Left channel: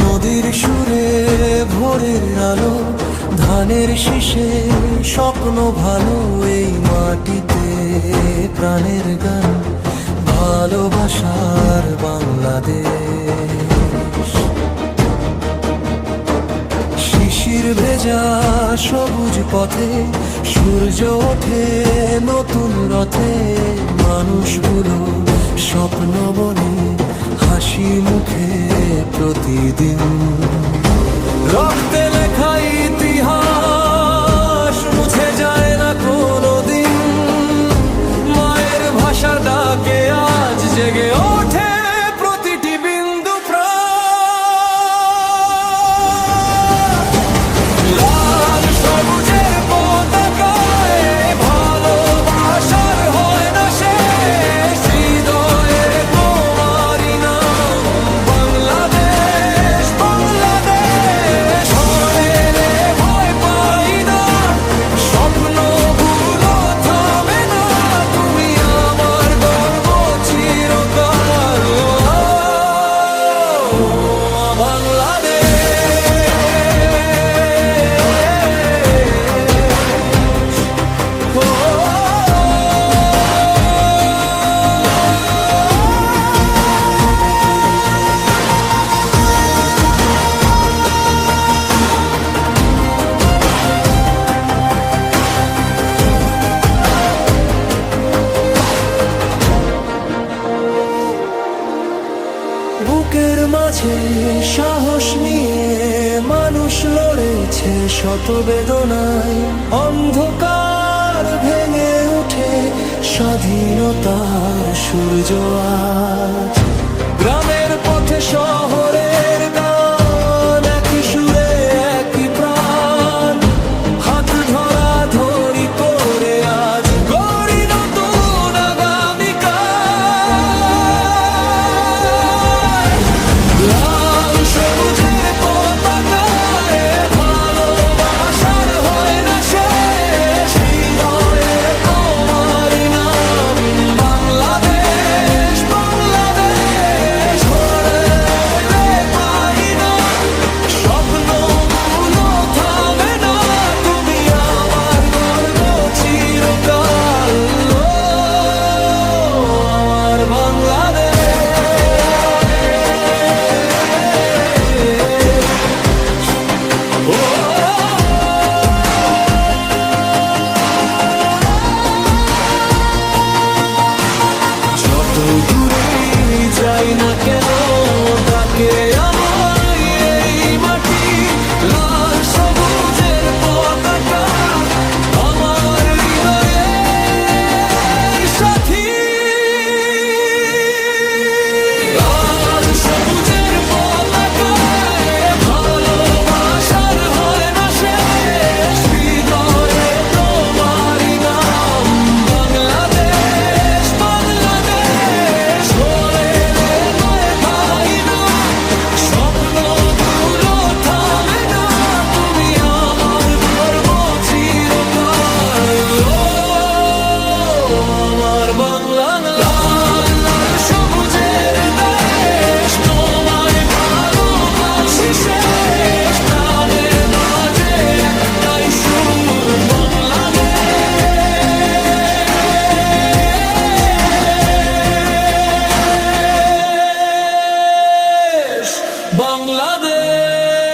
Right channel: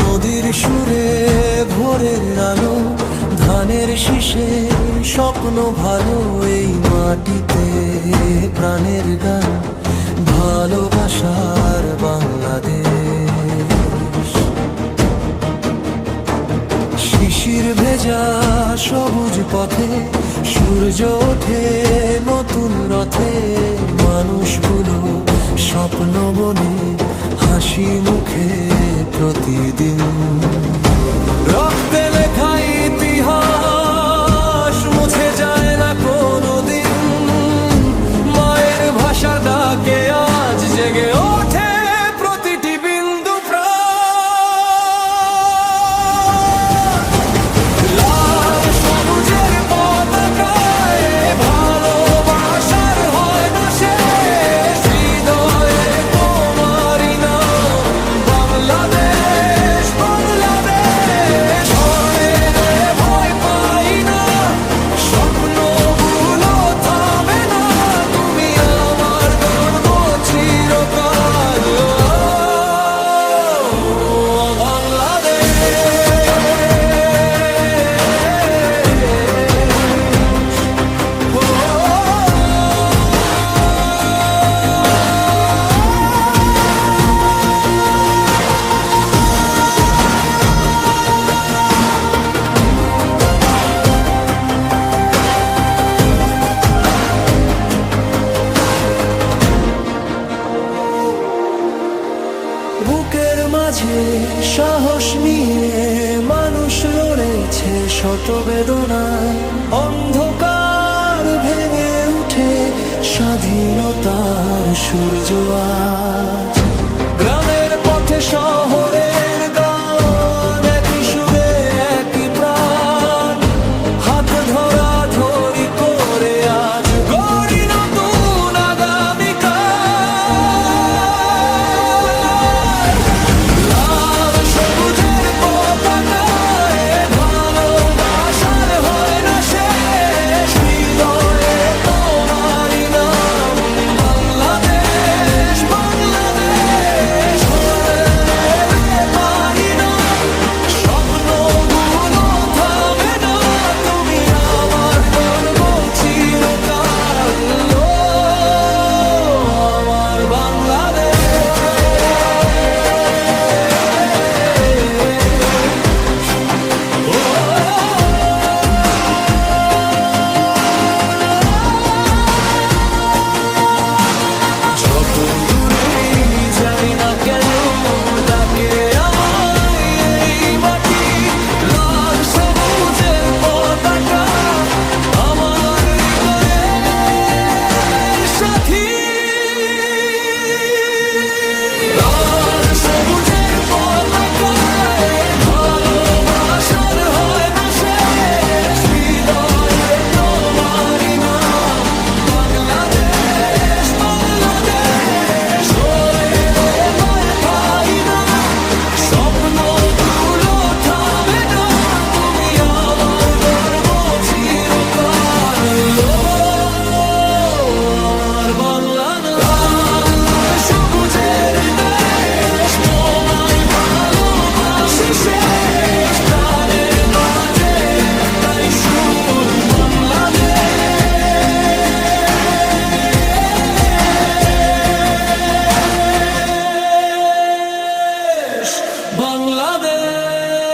নদীর সুরে ভোরের আলো, ধানের শীষে স্বপ্ন ভালো। এই মাটিতে প্রাণের গান, ভালোবাসার বাংলাদেশ। শিশির ভেজা সবুজ পথে সূর্য ওঠে নতুন রথে। মানুষগুলো স্বপ্ন বনে হাসি মুখে প্রতিদিন। রক্তে লেখা ইতিহাস মুছে যায় না কোনোদিন। মায়ের ভাষার ডাকে আজ জেগে ওঠে প্রতিটি বিন্দু প্রাণ। লাল সবুজের পতাকায় ভালোবাসার হয় না শেষ। হৃদয়ে তোমারই নাম বাংলাদেশ, বাংলাদেশ। ঝড় এলে ভয় পাই না, স্বপ্নগুলো থামে না। তুমি আমার গর্ব চিরকাল, বাংলাদেশ। বুকের মাঝে সাহস নিয়ে মানুষ লড়েছে শত বেদনায়। অন্ধকার ভেঙে উঠে স্বাধীনতার সূর্য আজ। গ্রামের পথে শহরের গান, একই সুরে একই প্রাণ। হাত ধরা ধরি করে আজ গড়ি নতুন আগামীকাল। লাল সবুজের পতাকায় ভালোবাসার হয় না শেষ। হৃদয়ে তোমারই নাম বাংলাদেশ, বাংলাদেশ। ঝড় এলে পাই না, স্বপ্নগুলো থামে না। তুমি আমার গর্ব চিরকাল, আমার বাংলাদেশ। ও যত দূরেই যাই না কেন, ডাকে আমায় এই মাটি। লাল সবুজের পতাকা আমার হৃদয়ের সাথী। লাল সবুজের পতাকায় ভালোবাসার হয় না শেষ। হৃদয়ে তোমারই নাম বাংলাদেশ, বাংলাদেশ। ঝড় এলে ভয় পাই না, স্বপ্নগুলো থামে না। তুমি আমার গর্ব চিরকাল, আমার বাংলা। লাল লাল সবুজের দেশ, তোমায় ভালোবাসি শেষ। প্রাণে বাজে একটাই সুর বাংলাদেশ, বাংলাদেশ।